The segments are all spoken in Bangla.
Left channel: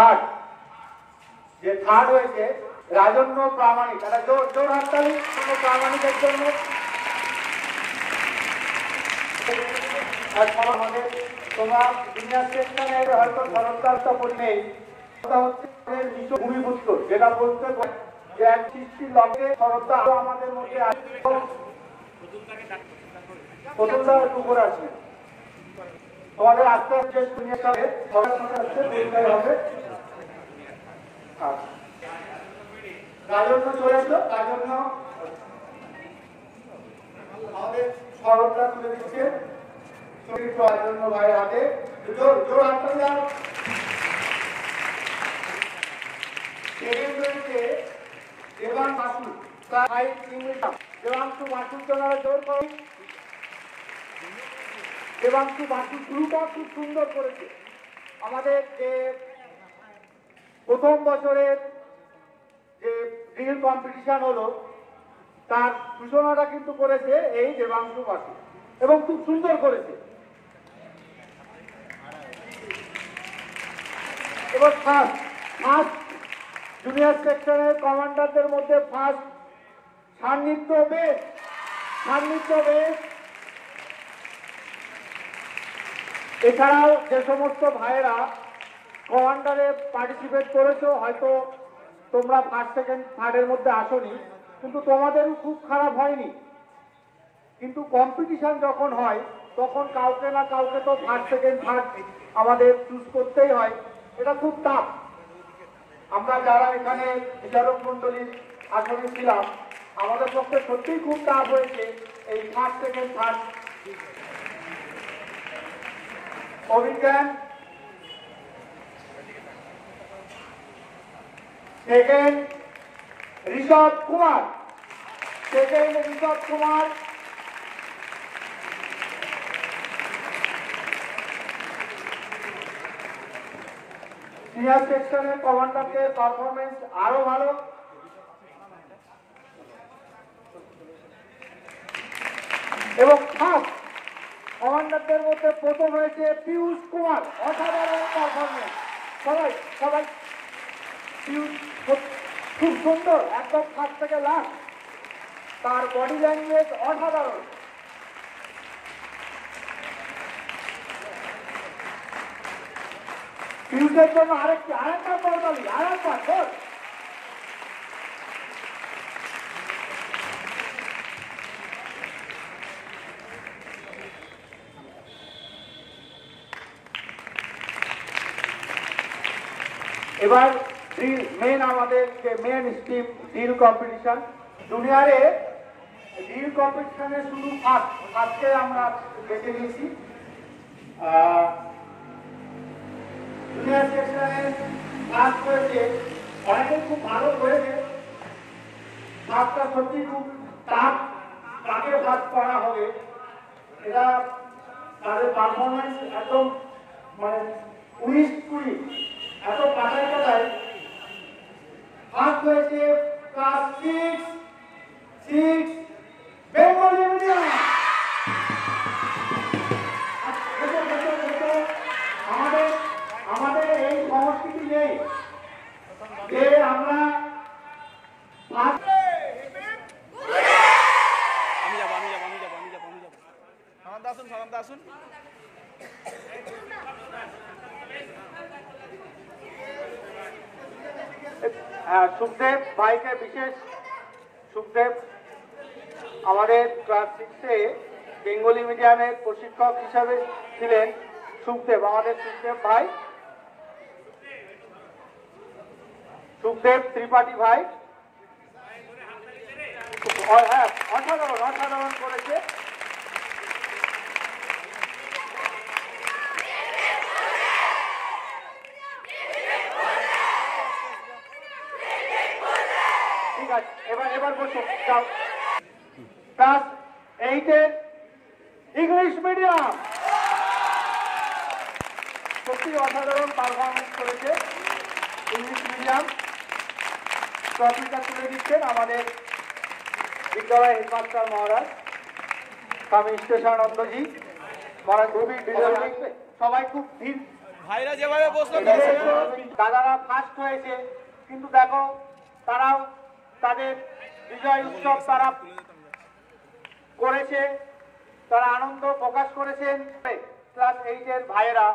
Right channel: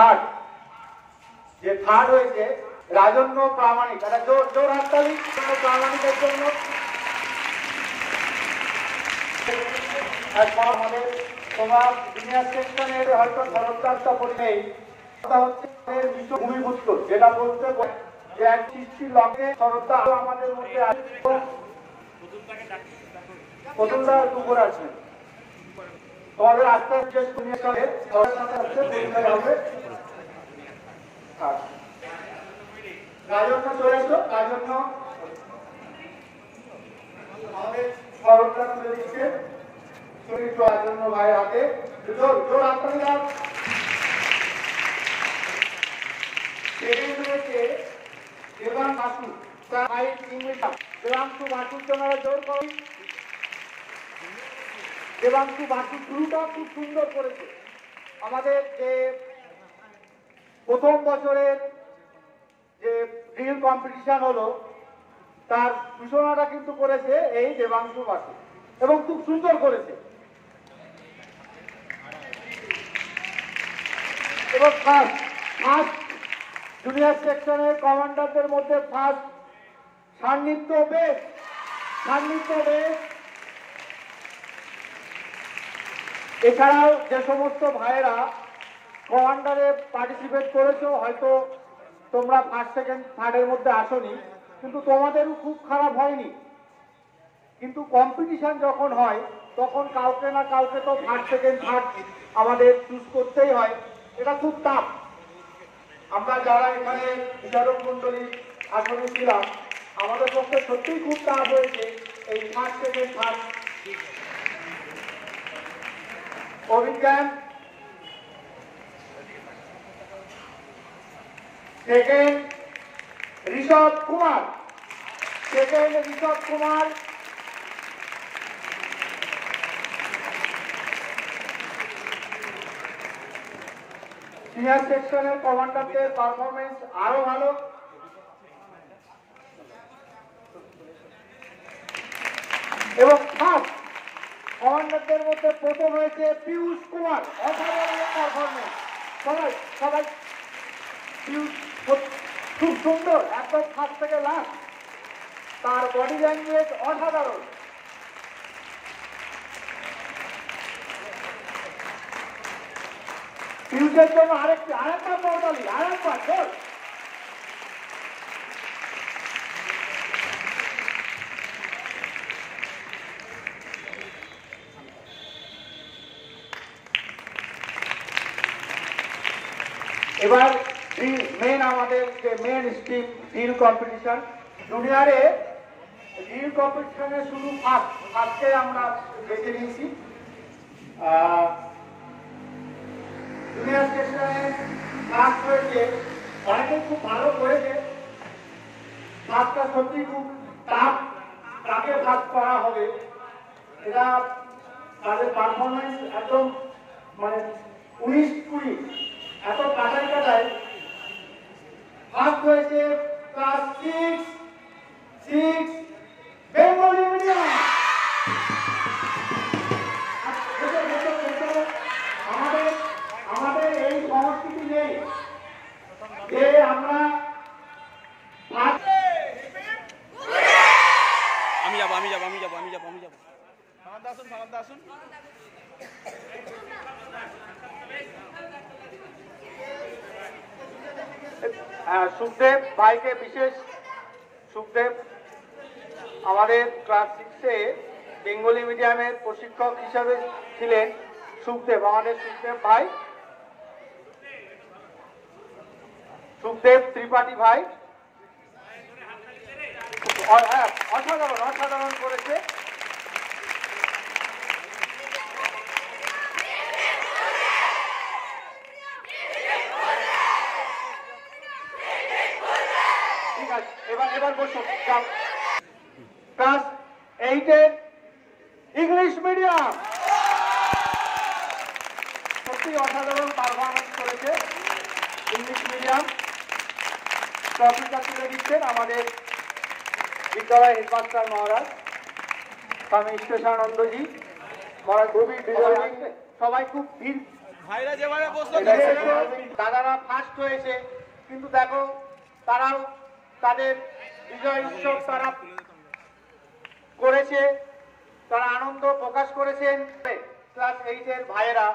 থার্ড যে থার্ড হয়েছে রাজন্য প্রামাণিক, এটা জোর হাততালি প্রামাণিকের জন্য। আমাদের তোমার জুনিয়র সেকশনের হয়তো খরচটা পড়ে নেই, হচ্ছে ভূমিপুত্র, যেটা বলতে যে এক সৃষ্টির লক্ষ্যে খরচটা আমাদের মধ্যে আছে। পুকুর আছে আমাদের আস্তে আস্তে রাজন্য চলে এসো, রাজন্য আমাদের খরচটা তুলে দিচ্ছে রাজন্য ভাইয়ের হাতে। জোর জোর হাততালি দাও। দেবাং বাসু দেবাংশু বাসুর জন্য জোর করি। দেবাংশু বাসু শুরুটা খুব সুন্দর করেছে। আমাদের যে প্রথম বছরের যে ড্রিল কম্পিটিশন হলো তার সূচনাটা কিন্তু করেছে এই দেবাংশু বাসু এবং খুব সুন্দর করেছে। এবং ফার্স্ট জুনিয়র সেকশনের কমান্ডারদের মধ্যে ফার্স্ট সান্নিধ্য বেশ। এছাড়াও যে সমস্ত ভাইয়েরা কমান্ডারে পার্টিসিপেট করেছো, হয়তো তোমরা ফার্স্ট সেকেন্ড থার্ডের মধ্যে আসোনি, কিন্তু তোমাদেরও খুব খারাপ হয়নি। কিন্তু কম্পিটিশন যখন হয় তখন কাউকে না কাউকে তো ফার্স্ট সেকেন্ড থার্ড আমাদের চুজ করতেই হয়, এটা খুব টাফ। আমরা যারা এখানে বিচারক মন্ডলী আসনে ছিলাম আমাদের পক্ষে সত্যিই খুব টাফ হয়েছে এই ফার্স্ট সেকেন্ড থার্ড। অভিজ্ঞান সেকেন্ড ঋষভ কুমার, সিনিয়র সেকশনের কমান্ডারদের পারফরমেন্স আরো ভালো। এবং ফার্স্ট কমান্ডারদের মধ্যে প্রথম হয়েছে পীযূষ কুমার, অসাধারণ পারফরমেন্স। সবাই পীযূষ খুব সুন্দর, একদম ফার্স্ট থেকে লাস্ট, তার বডি ল্যাঙ্গুয়েজ অসাধারণ। পীযূষের জন্য আরেকটা করতালি, আরেকটা এবার আমাদের যে মেন স্ট্রিম ড্রিল কম্পিটিশন, জুনিয়রে ড্রিল কম্পিটিশনে শুধু আজকে আমরা বেছে নিয়েছি। জুনিয়র সেকশনে ফার্স্ট হয়েছে, অনেকে খুব ভালো করেছে। ফার্স্টটা সত্যি খুব টাফ, কাকে ভাগ করা হবে এরা তাদের পারফরমেন্স একদম মানে 19-20 এত কাটায় ফার্স্ট হয়েছে ক্লাস 6 বেঙ্গলি মিডিয়াম। আমাদের এই সংস্কৃতি নেই যে আমরা সুখদেব ভাইকে বিশেষ, সুখদেব আমাদের ক্লাস 6-এ বেঙ্গলি মিডিয়ামের প্রশিক্ষক হিসাবে ছিলেন। সুখদেব আমাদের সুখদেব ভাই, সুখদেব ত্রিপাঠী ভাই অসাধারণ করেছে। ঠিক আছে, এবার বলছো ক্লাস 8-এ ইংলিশ মিডিয়াম, সত্যি অসাধারণ পারফরমেন্স করেছে ইংলিশ মিডিয়াম। ট্রফিটা তুলে দিচ্ছেন আমাদের বিদ্যালয় হেডমাস্টার মহারাজ স্বামী ঈশ্বরানন্দজি মহারাজ। সবাই খুব দাদারা ফার্স্ট হয়েছে, কিন্তু দেখো তারাও তাদের বিজয় উৎসব তারা করেছে, তারা আনন্দ প্রকাশ করেছেন। ক্লাস 8 এর ভাইয়েরা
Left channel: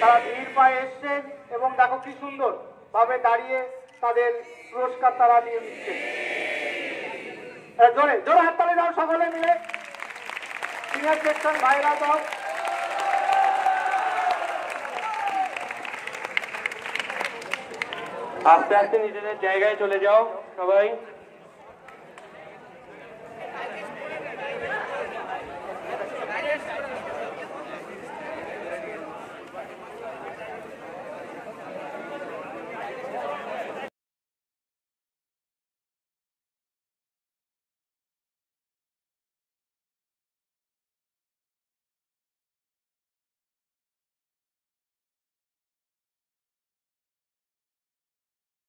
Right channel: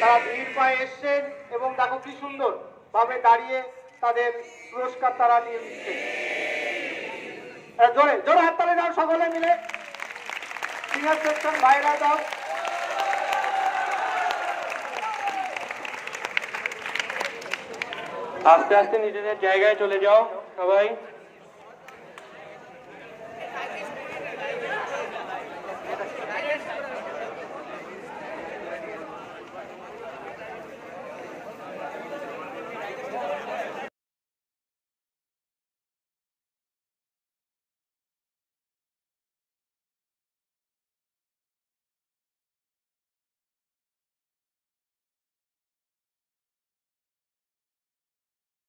তারা ভিড় পায়ে এসছেন এবং দেখো কি সুন্দর ভাবে দাঁড়িয়ে তাদের পুরস্কার তারা দিয়ে দিচ্ছে। জোরে জোরে হাততালি দাও সকলে মিলে, সিনিয়র সেকশন ভাইরা দাও। আস্তে আস্তে নিজেদের জায়গায় চলে যাও সবাই।